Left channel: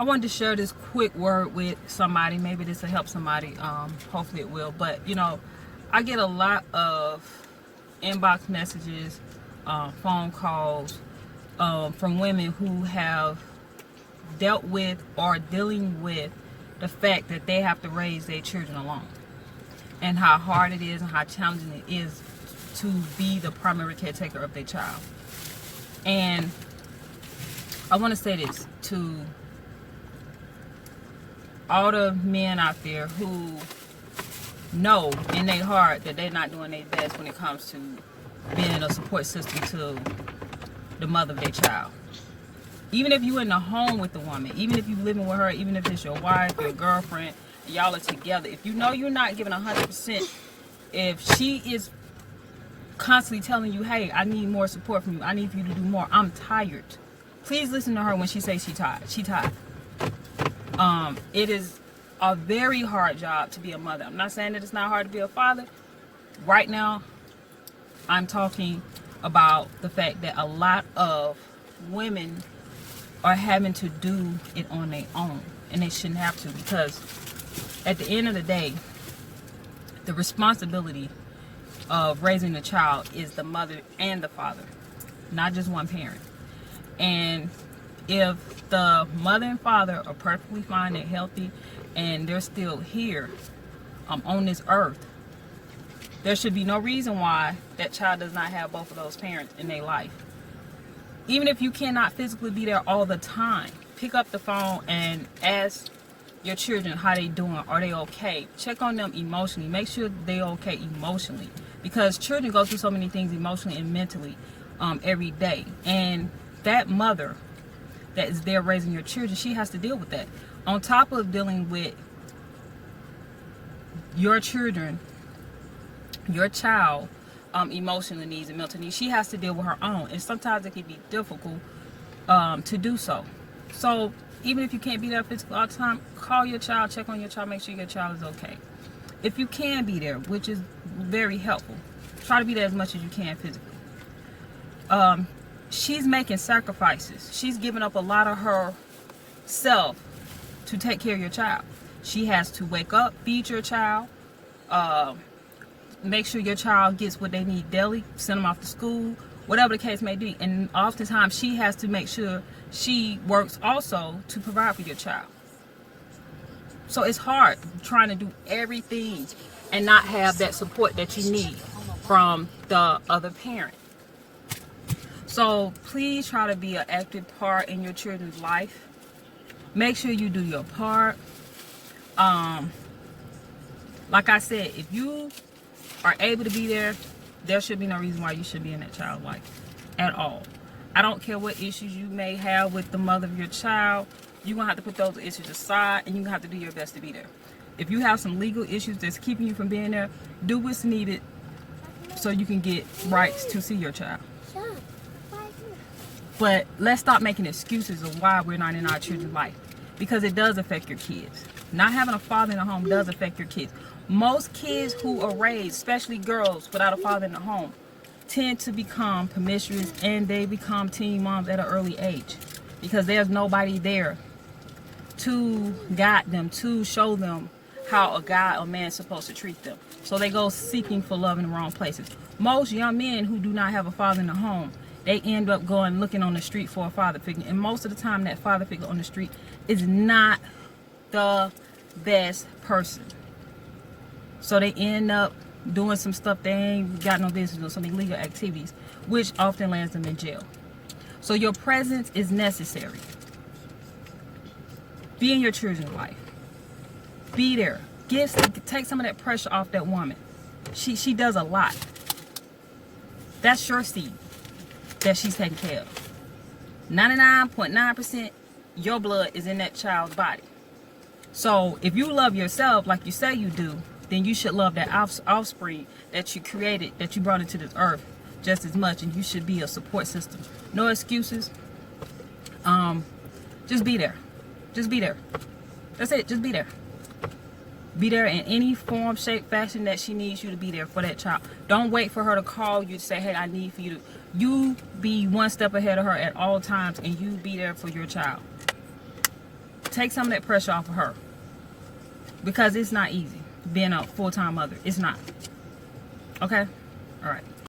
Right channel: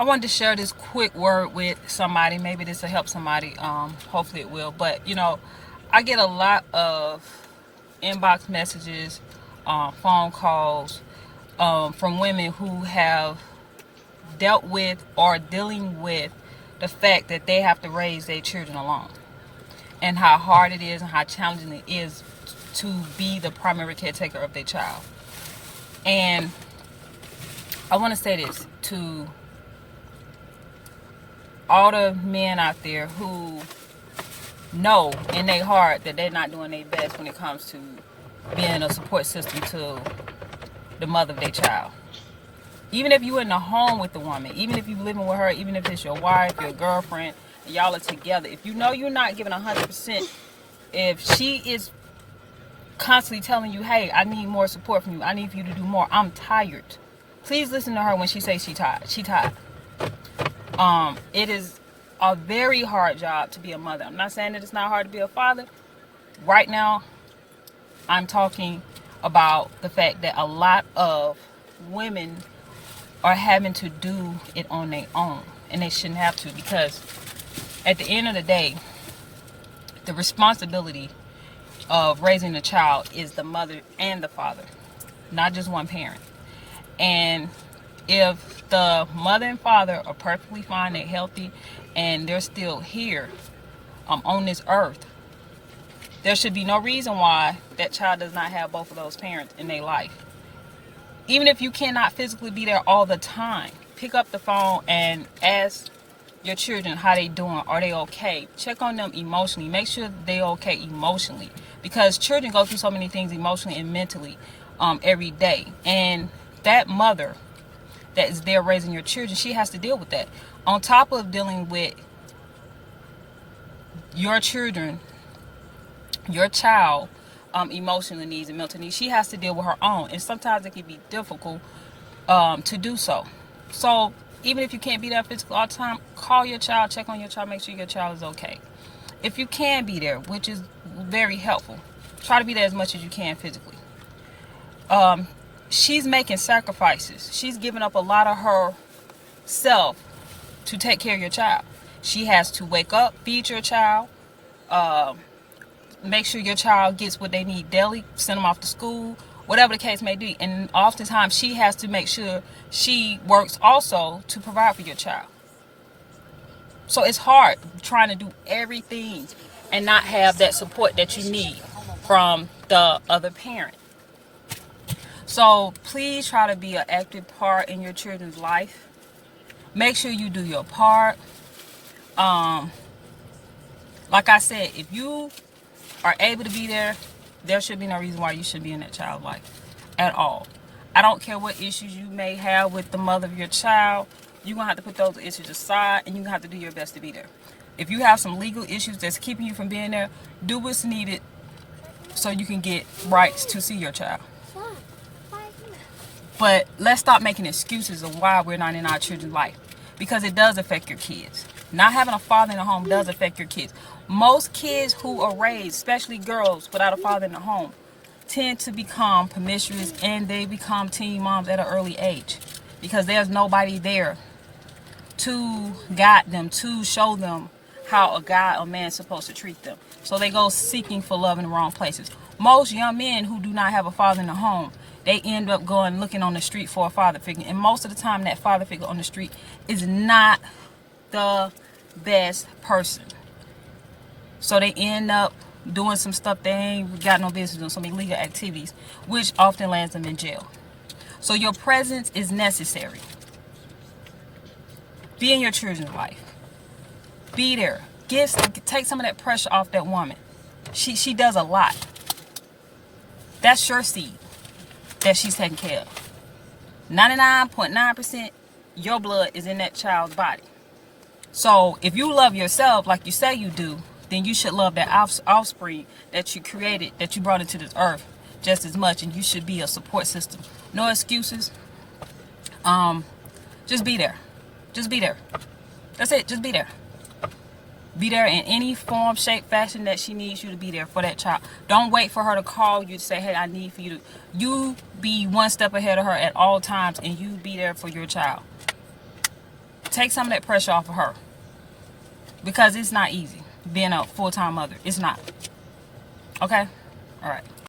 I wanted to share this quick word with somebody. Maybe this will help somebody. Hopefully it will. But I get a lot of inbox messages, phone calls from women who have dealt with or dealing with the fact that they have to raise their children alone, and how hard it is and how challenging it is to be the primary caretaker of their child. And I want to say this to all the men out there who know in their heart that they're not doing their best when it comes to being a support system to the mother of their child. Even if you're in the home with the woman, even if you're living with her, even if it's your wife, your girlfriend, and y'all are together, if you know you're not giving 100%, if she is constantly telling you, hey, I need more support from you, I need for you to do more, I'm tired, please listen to her when she says she's tired. She tired. It is a very hard job to be a mother. I'm not saying that it's not hard to be a father. Right now, I'm talking about the fact that a lot of women are having to do it on their own, and they shouldn't have to, because at the end of the day, the responsibility of raising a child is the mother and the father, not just one parent. And if the mother and father are perfectly fine, they're healthy, and they're still here on this earth, there should be no reason why that child does not have both of those parents in their life. Even if you cannot physically be there all the time, pick up the phone and ask your children how they doing. Are they okay? Check on them emotionally. Make sure they're okay emotionally, because children go through so many things emotionally and mentally every day. And that mother that is there raising your children, she has to deal with that. On top of dealing with your children, your child emotional needs and mental needs, she has to deal with her own, and sometimes it can be difficult to do so. So even if you can't be there physically all the time, call your child, check on your child, make sure your child is okay. If you can be there, which is very helpful, try to be there as much as you can physically. She's making sacrifices. She's giving up a lot of herself to take care of your child. She has to wake up, feed your child, make sure your child gets what they need daily, send them off to school, whatever the case may be. And oftentimes she has to make sure she works also to provide for your child. So it's hard trying to do everything and not have that support that you need from the other parent. So please try to be an active part in your children's life. Make sure you do your part. Like I said, if you are able to be there, there should be no reason why you should be in that child's life at all. I don't care what issues you may have with the mother of your child. You're going to have to put those issues aside, and you're going to have to do your best to be there. If you have some legal issues that's keeping you from being there, do what's needed so you can get rights to see your child. But let's stop making excuses of why we're not in our children's life, because it does affect your kids. Not having a father in the home does affect your kids. Most kids who are raised, especially girls without a father in the home, tend to become promiscuous, and they become teen moms at an early age, because there's nobody there to guide them, to show them how a guy or man is supposed to treat them. So they go seeking for love in the wrong places. Most young men who do not have a father in the home, they end up going looking on the street for a father figure. And most of the time that father figure on the street is not the best person. So they end up doing some stuff they ain't got no business doing, some illegal activities, which often lands them in jail. So your presence is necessary. Be in your children's life. Be there. Take some of that pressure off that woman. She does a lot. That's your seed that she's taking care of. 99.9% your blood is in that child's body. So if you love yourself like you say you do, then you should love that offspring that you created, that you brought into this earth just as much, and you should be a support system. No excuses. Just be there. Just be there. That's it. Just be there. Be there in any form, shape, fashion that she needs you to be there for that child. Don't wait for her to call you to say, hey, I need for you to. You be one step ahead of her at all times, and you be there for your child. Take some of that pressure off of her. Because it's not easy being a full-time mother. It's not. Okay? All right.